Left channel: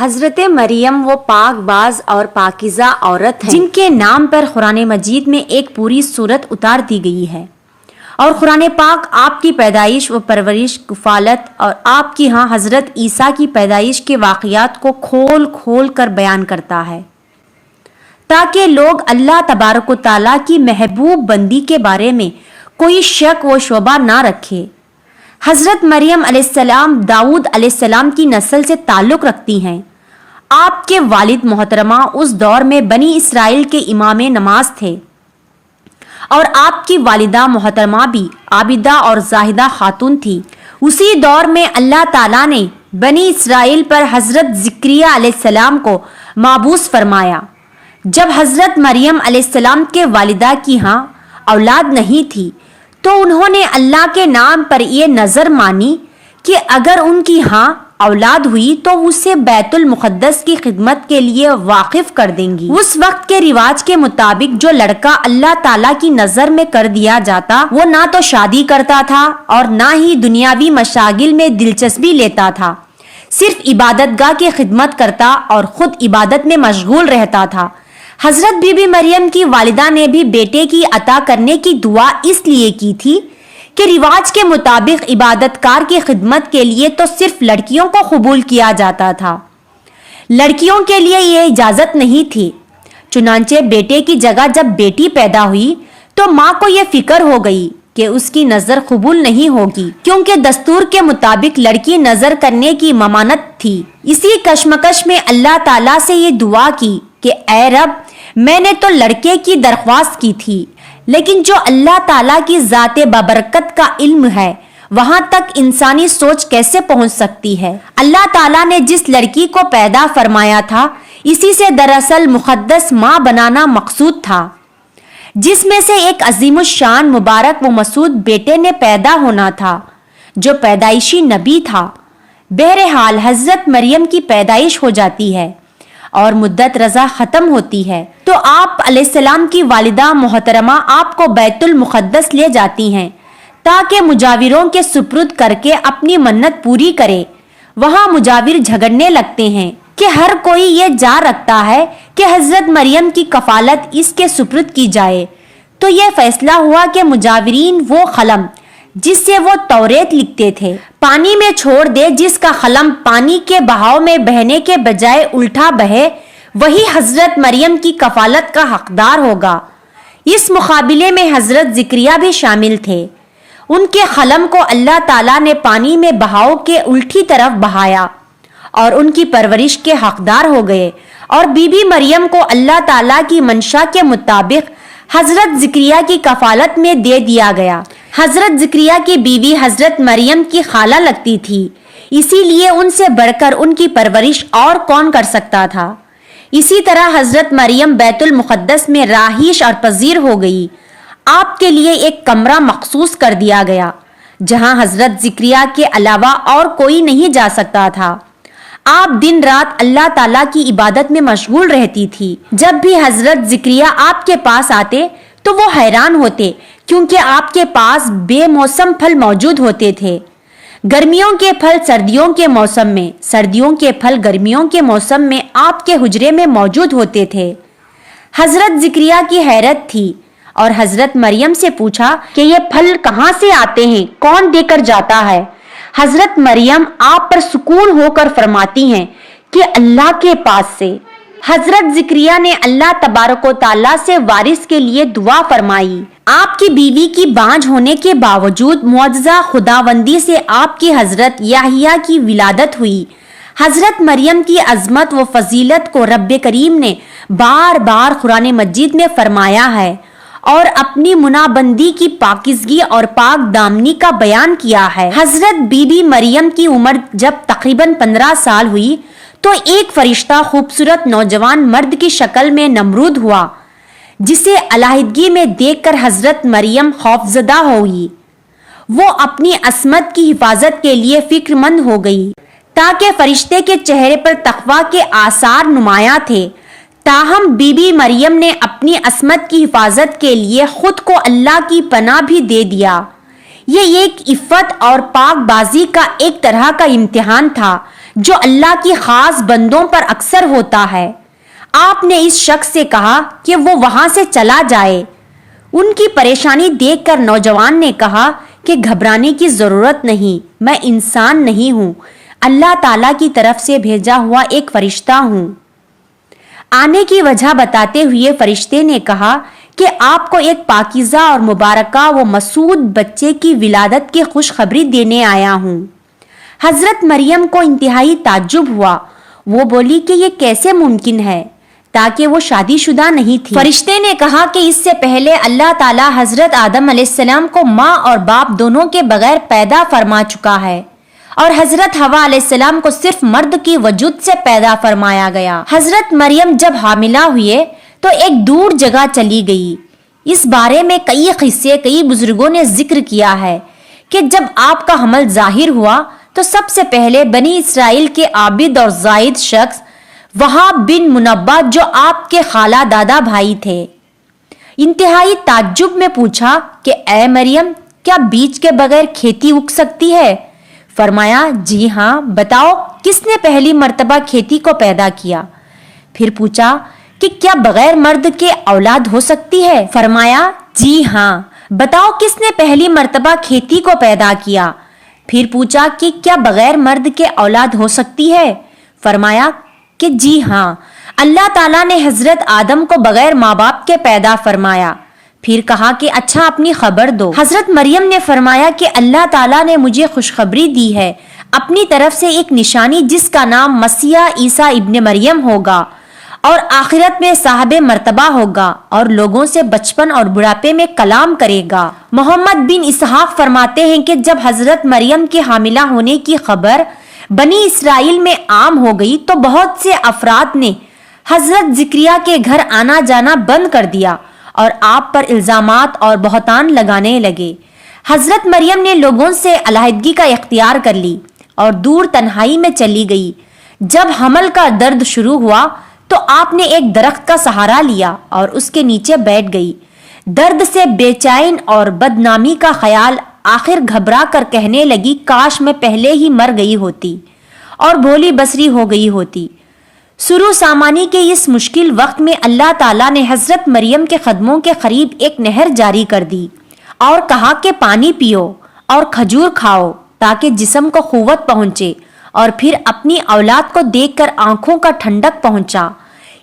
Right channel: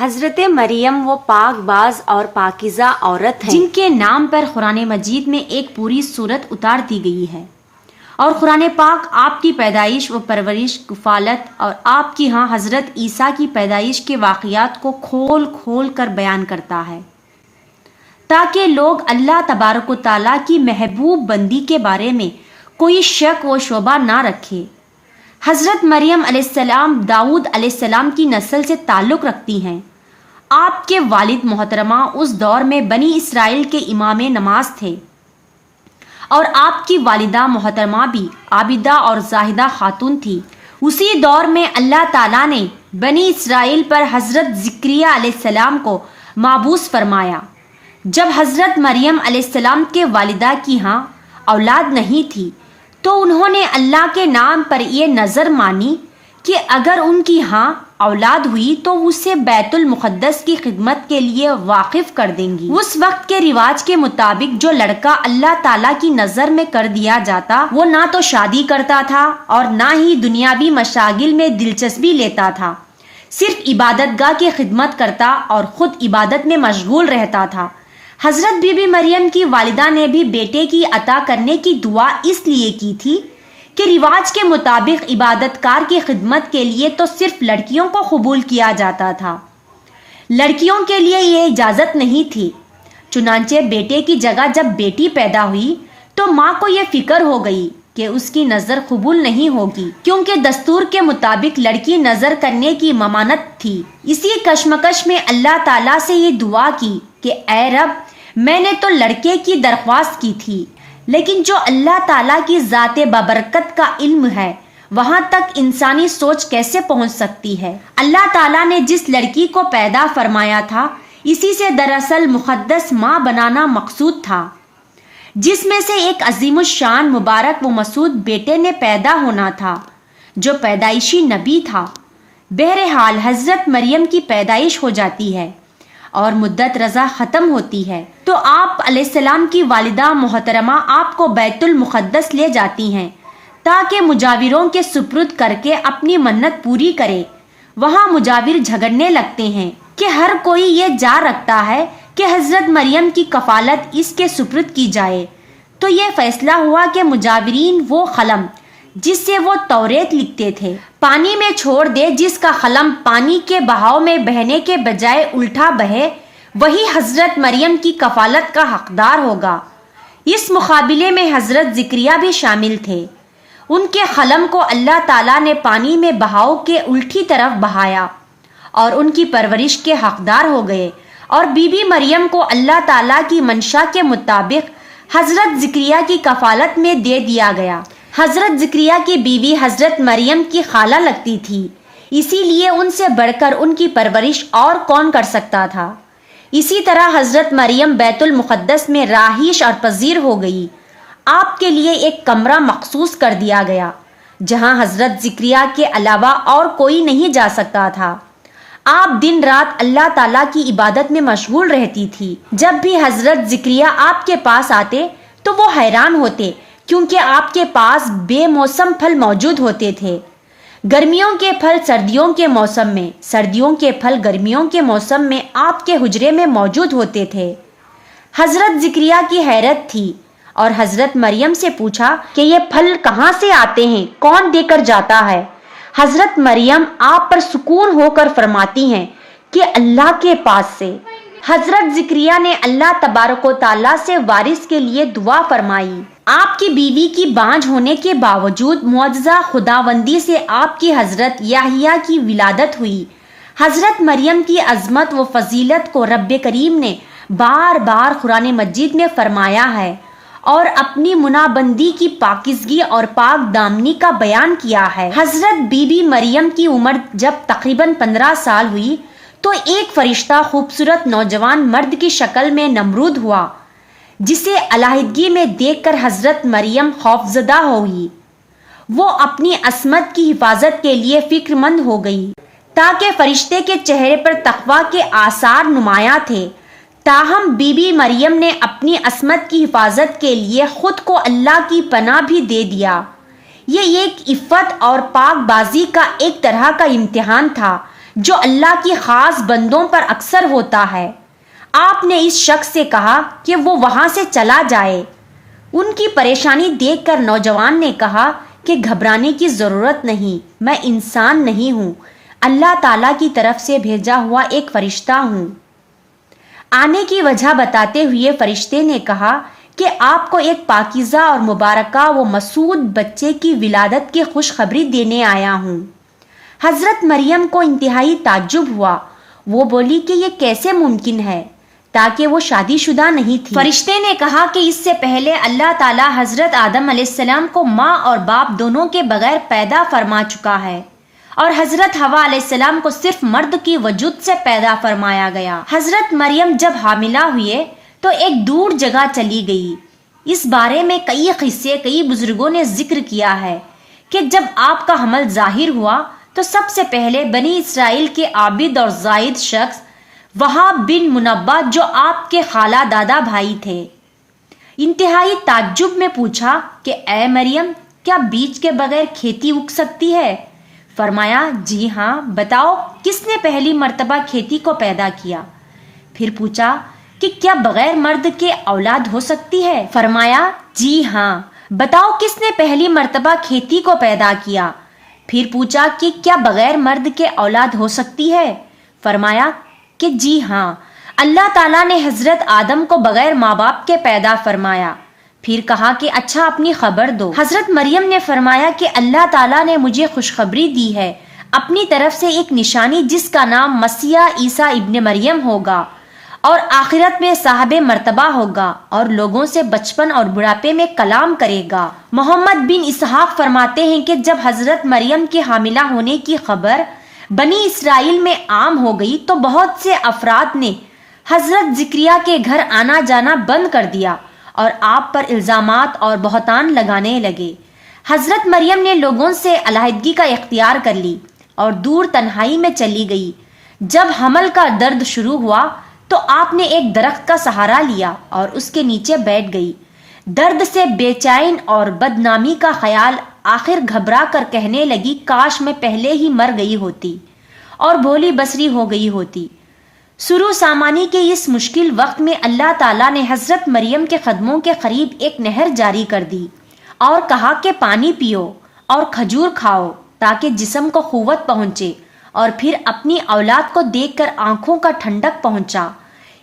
حضرت مریم وہ پاک باز اور پاکیزہ عورت ہیں جن کے نام پر قرآن مجید میں ایک پوری سورت اتار دی گئی ہے، اور قرآن پاک آپ کی پیدائش و پرورش، کفالت اور آپ کی ہاں حضرت عیسیٰ کی پیدائش کے واقعات کو کھول کھول کر بیان کرتا ہے، تاکہ لوگ اللہ تبارک و تعالیٰ کی محبوب بندی کے بارے میں کوئی شک و شبہ نہ رکھے۔ حضرت مریم علیہ السلام داؤد علیہ السلام کی نسل سے تعلق رکھتی ہیں۔ آپ کے والد محترمہ اس دور میں بنی اسرائیل کے امام نماز تھے، اور آپ کی والدہ محترمہ بھی عابدہ اور زاہدہ خاتون تھی۔ اسی دور میں اللہ تعالیٰ نے بنی اسرائیل پر حضرت زکریا علیہ السلام کو مبعوث فرمایا۔ جب حضرت مریم علیہ السلام کے والدہ کی ہاں اولاد نہیں تھی تو انہوں نے اللہ کے نام پر یہ نظر مانی کہ اگر ان کی ہاں اولاد ہوئی تو اسے بیت المقدس کی خدمت کے لیے واقف کر دیں گی۔ اس وقت کے رواج کے مطابق جو لڑکا اللہ تعالیٰ کی نظر میں کر دیا جاتا وہ نہ تو شادی کرتا تھا اور نہ ہی دنیاوی مشاغل میں دلچسپی لیتا تھا، صرف عبادت گاہ کی خدمت کرتا اور خود عبادت میں مشغول رہتا تھا۔ حضرت بی بی مریم کی والدہ نے بھی بیٹے کی عطا کرنے کی دعا اس لیے کی تھی کہ رواج کے مطابق عبادت کار کی خدمت کے لیے تو صرف لڑکیوں کو قبول کیا جاتا تھا، لڑکیوں کے لیے یہ اجازت نہیں تھی۔ چنانچہ بیٹے کی جگہ جب بیٹی پیدا ہوئی تو ماں کو یہ فکر ہو گئی کہ اس کی نظر قبول نہیں ہوگی، کیونکہ دستور کے مطابق لڑکی نظر کرنے کی ممانعت تھی۔ اسی کشمکش میں اللہ تعالیٰ سے یہ دعا کی کہ اے رب، میں نے تو لڑکے کی درخواست کی تھی، لیکن جو اللہ تعالیٰ کی ذات بابرکت کا علم ہے وہاں تک انسانی سوچ کیسے پہنچ سکتی ہے؟ اللہ تعالیٰ نے جس لڑکی کو پیدا فرمایا تھا اسی سے دراصل مقدس ماں بنانا مقصود تھا، جس میں سے ایک عظیم الشان مبارک و مسعود بیٹے نے پیدا ہونا تھا جو پیدائشی نبی تھا۔ بہرحال حضرت مریم کی پیدائش ہو جاتی ہے اور مدت رضا ختم ہوتی ہے تو آپ علیہ السلام کی والدہ محترمہ آپ کو بیت المقدس لے جاتی ہیں تاکہ مجاوروں کے سپرد کر کے اپنی منت پوری کرے۔ وہاں مجاور جھگڑنے لگتے ہیں کہ ہر کوئی یہ جا رکھتا ہے کہ حضرت مریم کی کفالت اس کے سپرد کی جائے، تو یہ فیصلہ ہوا کہ مجاورین وہ قلم جس سے وہ توریت لکھتے تھے پانی میں چھوڑ دے، جس کا قلم پانی کے بہاؤ میں بہنے کے بجائے الٹا بہے وہی حضرت مریم کی کفالت کا حقدار ہوگا۔ اس مقابلے میں حضرت زکریا بھی شامل تھے۔ ان کے قلم کو اللہ تعالیٰ نے پانی میں بہاؤ کے الٹی طرف بہایا اور ان کی پرورش کے حقدار ہو گئے، اور بی بی مریم کو اللہ تعالیٰ کی منشا کے مطابق حضرت زکریا کی کفالت میں دے دیا گیا۔ حضرت زکریا کی بیوی حضرت مریم کی خالہ لگتی تھی، اسی لیے ان سے بڑھ کر ان کی پرورش اور کون کر سکتا تھا۔ اسی طرح حضرت مریم بیت المقدس میں رہائش اور پذیر ہو گئی۔ آپ کے لیے ایک کمرہ مخصوص کر دیا گیا جہاں حضرت زکریا کے علاوہ اور کوئی نہیں جا سکتا تھا۔ آپ دن رات اللہ تعالیٰ کی عبادت میں مشغول رہتی تھی۔ جب بھی حضرت زکریا آپ کے پاس آتے تو وہ حیران ہوتے، کیونکہ آپ کے پاس بے موسم پھل موجود ہوتے تھے۔ گرمیوں کے پھل سردیوں کے موسم میں، سردیوں کے پھل گرمیوں کے موسم میں آپ کے حجرے میں موجود ہوتے تھے۔ حضرت زکریا کی حیرت تھی اور حضرت مریم سے پوچھا کہ یہ پھل کہاں سے آتے ہیں، کون دے کر جاتا ہے؟ حضرت مریم آپ پر سکون ہو کر فرماتی ہیں کہ اللہ کے پاس سے۔ حضرت زکریا نے اللہ تبارک و تعالیٰ سے وارث کے لیے دعا فرمائی۔ آپ کی بیوی کی بانجھ ہونے کے باوجود معجزہ خداوندی سے آپ کی حضرت یحییٰ کی ولادت ہوئی۔ حضرت مریم کی عظمت و فضیلت کو رب کریم نے بار بار قرآن مجید میں فرمایا ہے اور اپنی منابندی کی پاکیزگی اور پاک دامنی کا بیان کیا ہے۔ حضرت بی بی مریم کی عمر جب تقریباً 15 سال ہوئی تو ایک فرشتہ خوبصورت نوجوان مرد کی شکل میں نمرود ہوا، جسے علیحدگی میں دیکھ کر حضرت مریم خوفزدہ ہوئی۔ وہ اپنی عصمت کی حفاظت کے لیے فکر مند ہو گئی، تاکہ فرشتے کے چہرے پر تقویٰ کے آثار نمایاں تھے۔ تاہم بی بی مریم نے اپنی عصمت کی حفاظت کے لیے خود کو اللہ کی پناہ بھی دے دیا۔ یہ ایک عفت اور پاک بازی کا ایک طرح کا امتحان تھا جو اللہ کی خاص بندوں پر اکثر ہوتا ہے۔ آپ نے اس شخص سے کہا کہ وہ وہاں سے چلا جائے۔ ان کی پریشانی دیکھ کر نوجوان نے کہا کہ گھبرانے کی ضرورت نہیں، میں انسان نہیں ہوں، اللہ تعالیٰ کی طرف سے بھیجا ہوا ایک فرشتہ ہوں۔ آنے کی وجہ بتاتے ہوئے فرشتے نے کہا کہ آپ کو ایک پاکیزہ اور مبارکہ و مسعود بچے کی ولادت کی خوشخبری دینے آیا ہوں۔ حضرت مریم کو انتہائی تعجب ہوا۔ وہ بولی کہ یہ کیسے ممکن ہے، تاکہ وہ شادی شدہ نہیں تھی۔ فرشتے نے کہا کہ اس سے پہلے اللہ تعالیٰ حضرت آدم علیہ السلام کو ماں اور باپ دونوں کے بغیر پیدا فرما چکا ہے، اور حضرت حوا علیہ السلام کو صرف مرد کی وجود سے پیدا فرمایا گیا۔ حضرت مریم جب حاملہ ہوئے تو ایک دور جگہ چلی گئی۔ اس بارے میں کئی بزرگوں نے ذکر کیا ہے کہ جب آپ کا حمل ظاہر ہوا تو سب سے پہلے بنی اسرائیل کے عابد اور زاہد شخص وہاب بن منبہ، جو آپ کے خالہ دادا بھائی تھے، انتہائی تعجب میں پوچھا کہ اے مریم، کیا بیج کے بغیر کھیتی اگ سکتی ہے؟ فرمایا جی ہاں، بتاؤ کس نے پہلی مرتبہ کھیتی کو پیدا کیا؟ پھر پوچھا کہ کیا بغیر مرد کے اولاد ہو سکتی ہے؟ فرمایا جی ہاں، بتاؤ کس نے پہلی مرتبہ کھیتی کو پیدا کیا؟ پھر پوچھا کہ کیا بغیر مرد کے اولاد ہو سکتی ہے؟ فرمایا کہ جی ہاں، اللہ تعالیٰ نے حضرت آدم کو بغیر ماں باپ کے پیدا فرمایا۔ پھر کہا کہ اچھا اپنی خبر دو۔ حضرت مریم نے فرمایا کہ اللہ تعالیٰ نے مجھے خوشخبری دی ہے اپنی طرف سے ایک نشانی، جس کا نام مسیح عیسیٰ ابن مریم ہوگا، اور آخرت میں صاحب مرتبہ ہوگا، اور لوگوں سے بچپن اور بڑھاپے میں کلام کرے گا۔ محمد بن اسحاق فرماتے ہیں کہ جب حضرت مریم کے حاملہ ہونے کی خبر بنی اسرائیل میں عام ہو گئی تو بہت سے افراد نے حضرت زکریا کے گھر آنا جانا بند کر دیا اور آپ پر الزامات اور بہتان لگانے لگے۔ حضرت مریم نے لوگوں سے علیحدگی کا اختیار کر لی اور دور تنہائی میں چلی گئی۔ جب حمل کا درد شروع ہوا تو آپ نے ایک درخت کا سہارا لیا اور اس کے نیچے بیٹھ گئی۔ درد سے بے چین اور بدنامی کا خیال آخر گھبرا کر کہنے لگی کاش میں پہلے ہی مر گئی ہوتی اور بھولی بصری ہو گئی ہوتی۔ سرو سامانی کے اس مشکل وقت میں اللہ تعالیٰ نے حضرت مریم کے قدموں کے قریب ایک نہر جاری کر دی اور کہا کہ پانی پیو اور کھجور کھاؤ تاکہ جسم کو قوت پہنچے، اور پھر اپنی اولاد کو دیکھ کر آنکھوں کا ٹھنڈک پہنچا۔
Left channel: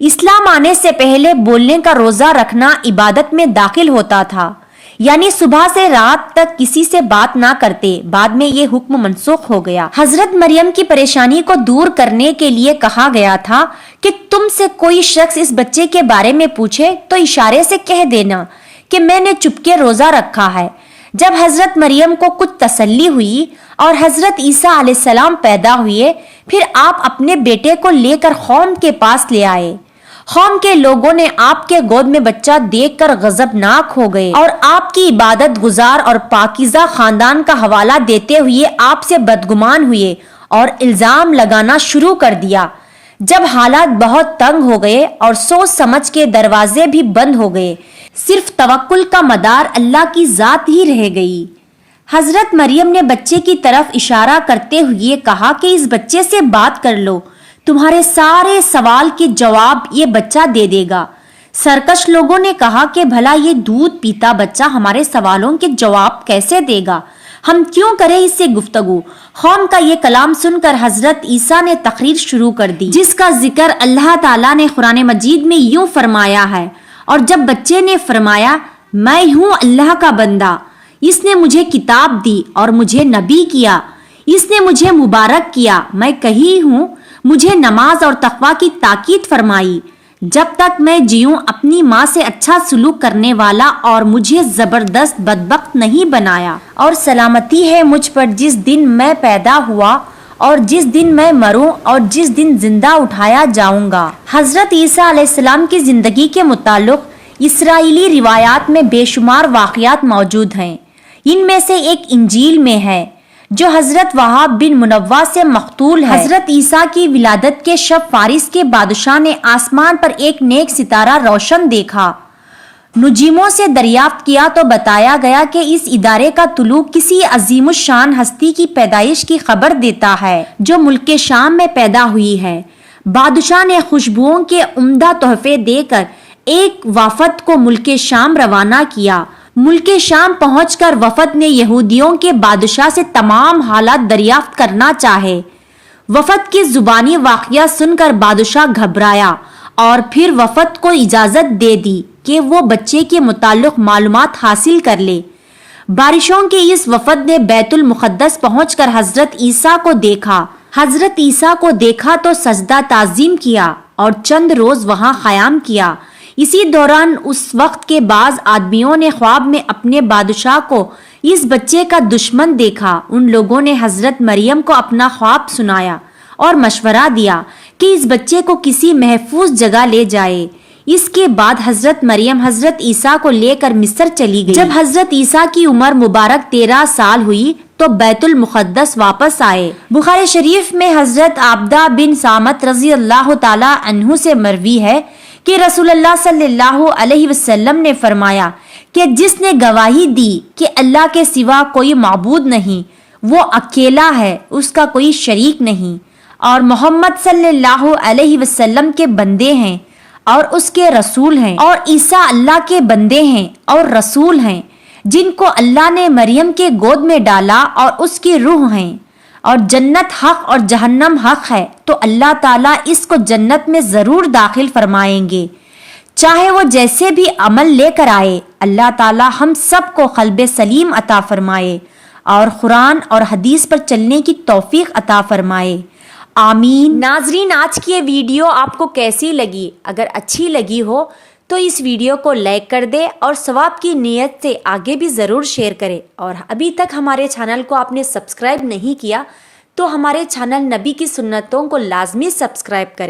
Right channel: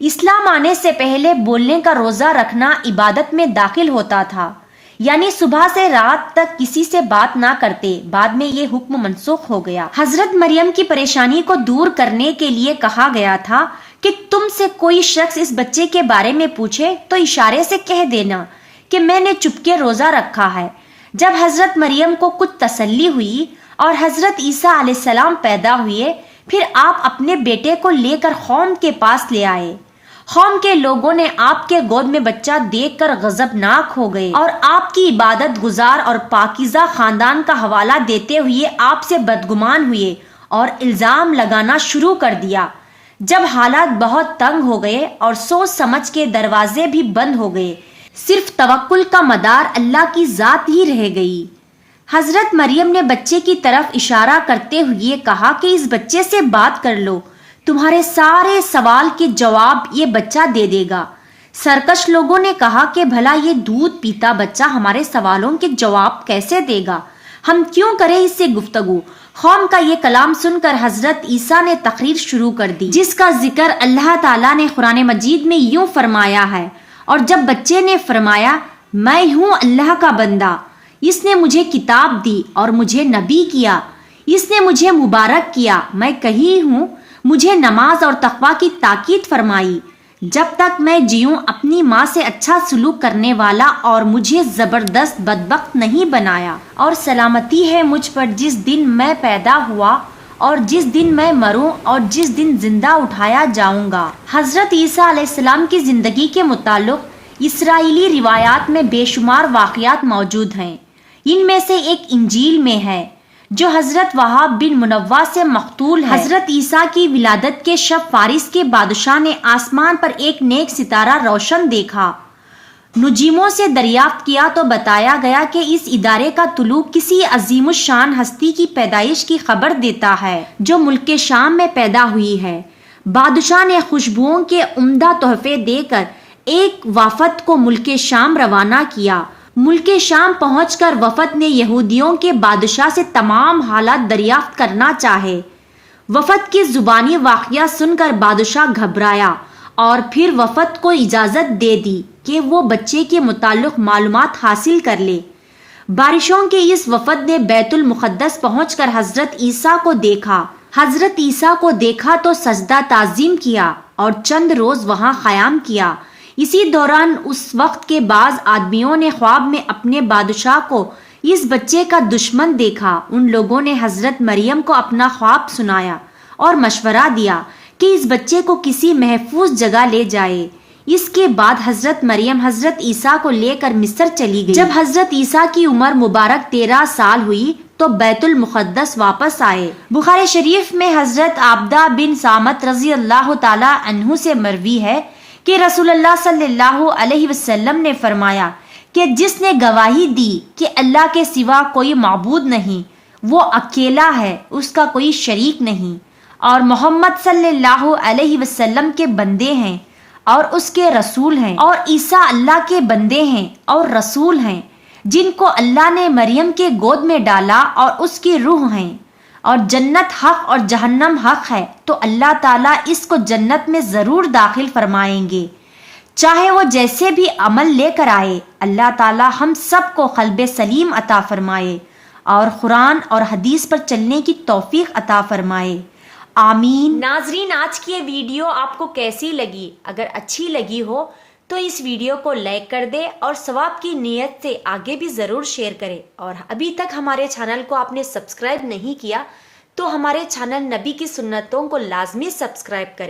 اسلام آنے سے پہلے بولنے کا روزہ رکھنا عبادت میں داخل ہوتا تھا، یعنی صبح سے رات تک کسی سے بات نہ کرتے۔ بعد میں یہ حکم منسوخ ہو گیا۔ حضرت مریم کی پریشانی کو دور کرنے کے لیے کہا گیا تھا کہ تم سے کوئی شخص اس بچے کے بارے میں پوچھے تو اشارے سے کہہ دینا کہ میں نے چپکے روزہ رکھا ہے۔ جب حضرت مریم کو کچھ تسلی ہوئی اور حضرت عیسیٰ علیہ السلام پیدا ہوئے، پھر آپ اپنے بیٹے کو لے کر قوم کے پاس لے آئے۔ قوم کے لوگوں نے آپ کے گود میں بچہ دیکھ کر غضبناک ہو گئے اور آپ کی عبادت گزار اور پاکیزہ خاندان کا حوالہ دیتے ہوئے آپ سے بدگمان ہوئے اور الزام لگانا شروع کر دیا۔ جب حالات بہت تنگ ہو گئے اور سوچ سمجھ کے دروازے بھی بند ہو گئے، صرف توکل کا مدار اللہ کی ذات ہی رہ گئی۔ حضرت مریم نے بچے کی طرف اشارہ کرتے ہوئے کہا کہ اس بچے سے بات کر لو، تمہارے سارے سوال کے جواب یہ بچہ دے دے گا۔ سرکش لوگوں نے کہا کہ بھلا یہ دودھ پیتا بچہ ہمارے سوالوں کے جواب کیسے دے گا، ہم کیوں کریں اس سے گفتگو؟ قوم کا یہ کلام سن کر حضرت عیسیٰ نے تقریر شروع کر دی، جس کا ذکر اللہ تعالیٰ نے قرآن مجید میں یوں فرمایا ہے، اور جب بچے نے فرمایا میں ہوں اللہ کا بندہ، اس نے مجھے کتاب دی اور مجھے نبی کیا، اس نے مجھے مبارک کیا، میں کہی ہوں مجھے نماز اور تقوی کی تاکید فرمائی، جب تک میں جیوں اپنی ماں سے اچھا سلوک کرنے والا اور مجھے زبردست بدبخت نہیں بنایا، اور سلامتی ہے مجھ پر جس دن میں پیدا ہوا اور جس دن میں مروں اور جس دن زندہ اٹھایا جاؤں گا۔ حضرت عیسیٰ علیہ السلام کی زندگی کے متعلق اسرائیلی روایات میں بے شمار واقعات موجود ہیں۔ ان میں سے ایک انجیل میں ہے جو حضرت وہاب بن منبہ سے مقتول ہے۔ حضرت عیسیٰ کی ولادت کے شب فارس کے بادشاہ نے آسمان پر ایک نیک ستارہ روشن دیکھا۔ نجوموں سے دریافت کیا تو بتایا گیا کہ اس ادارے کا طلوع کسی عظیم الشان ہستی کی پیدائش کی خبر دیتا ہے جو ملک شام میں پیدا ہوئی ہے۔ بادشاہ نے خوشبوؤں کے عمدہ تحفے دے کر ایک وفد کو ملک شام روانہ کیا۔ ملک شام پہنچ کر وفد نے یہودیوں کے بادشاہ سے تمام حالات دریافت کرنا چاہے۔ وفد کی زبانی واقعہ سن کر بادشاہ گھبرایا اور پھر وفد کو اجازت دے دی کہ وہ بچے کے متعلق معلومات حاصل کر لے۔ بارشوں کے اس وفد نے بیت المقدس پہنچ کر حضرت عیسیٰ کو دیکھا۔ حضرت عیسیٰ کو دیکھا تو سجدہ تعظیم کیا اور چند روز وہاں قیام کیا۔ اسی دوران اس وقت کے بعض آدمیوں نے خواب میں اپنے بادشاہ کو اس بچے کا دشمن دیکھا۔ ان لوگوں نے حضرت مریم کو اپنا خواب سنایا اور مشورہ دیا کہ اس بچے کو کسی محفوظ جگہ لے جائے۔ اس کے بعد حضرت مریم حضرت عیسیٰ کو لے کر مصر چلی گئی۔ جب حضرت عیسیٰ کی عمر مبارک 13 سال ہوئی تو بیت المقدس واپس آئے۔ بخاری شریف میں حضرت عبدہ بن سامت رضی اللہ تعالی عنہ سے مروی ہے کہ رسول اللہ صلی اللہ علیہ وسلم نے فرمایا کہ جس نے گواہی دی کہ اللہ کے سوا کوئی معبود نہیں، وہ اکیلا ہے، اس کا کوئی شریک نہیں، اور محمد صلی اللہ علیہ وسلم کے بندے ہیں اور اس کے رسول ہیں، اور عیسیٰ اللہ کے بندے ہیں اور رسول ہیں، جن کو اللہ نے مریم کے گود میں ڈالا اور اس کی روح ہیں، اور جنت حق اور جہنم حق ہے، تو اللہ تعالیٰ اس کو جنت میں ضرور داخل فرمائیں گے، چاہے وہ جیسے بھی عمل لے کر آئے۔ اللہ تعالیٰ ہم سب کو قلب سلیم عطا فرمائے اور قرآن اور حدیث پر چلنے کی توفیق عطا فرمائے، آمین۔ ناظرین، آج کی یہ ویڈیو آپ کو کیسی لگی؟ اگر اچھی لگی ہو تو اس ویڈیو کو لائک کر دے اور ثواب کی نیت سے آگے بھی ضرور شیئر کرے، اور ابھی تک ہمارے چینل کو آپ نے سبسکرائب نہیں کیا تو ہمارے چینل نبی کی سنتوں کو لازمی سبسکرائب کریں۔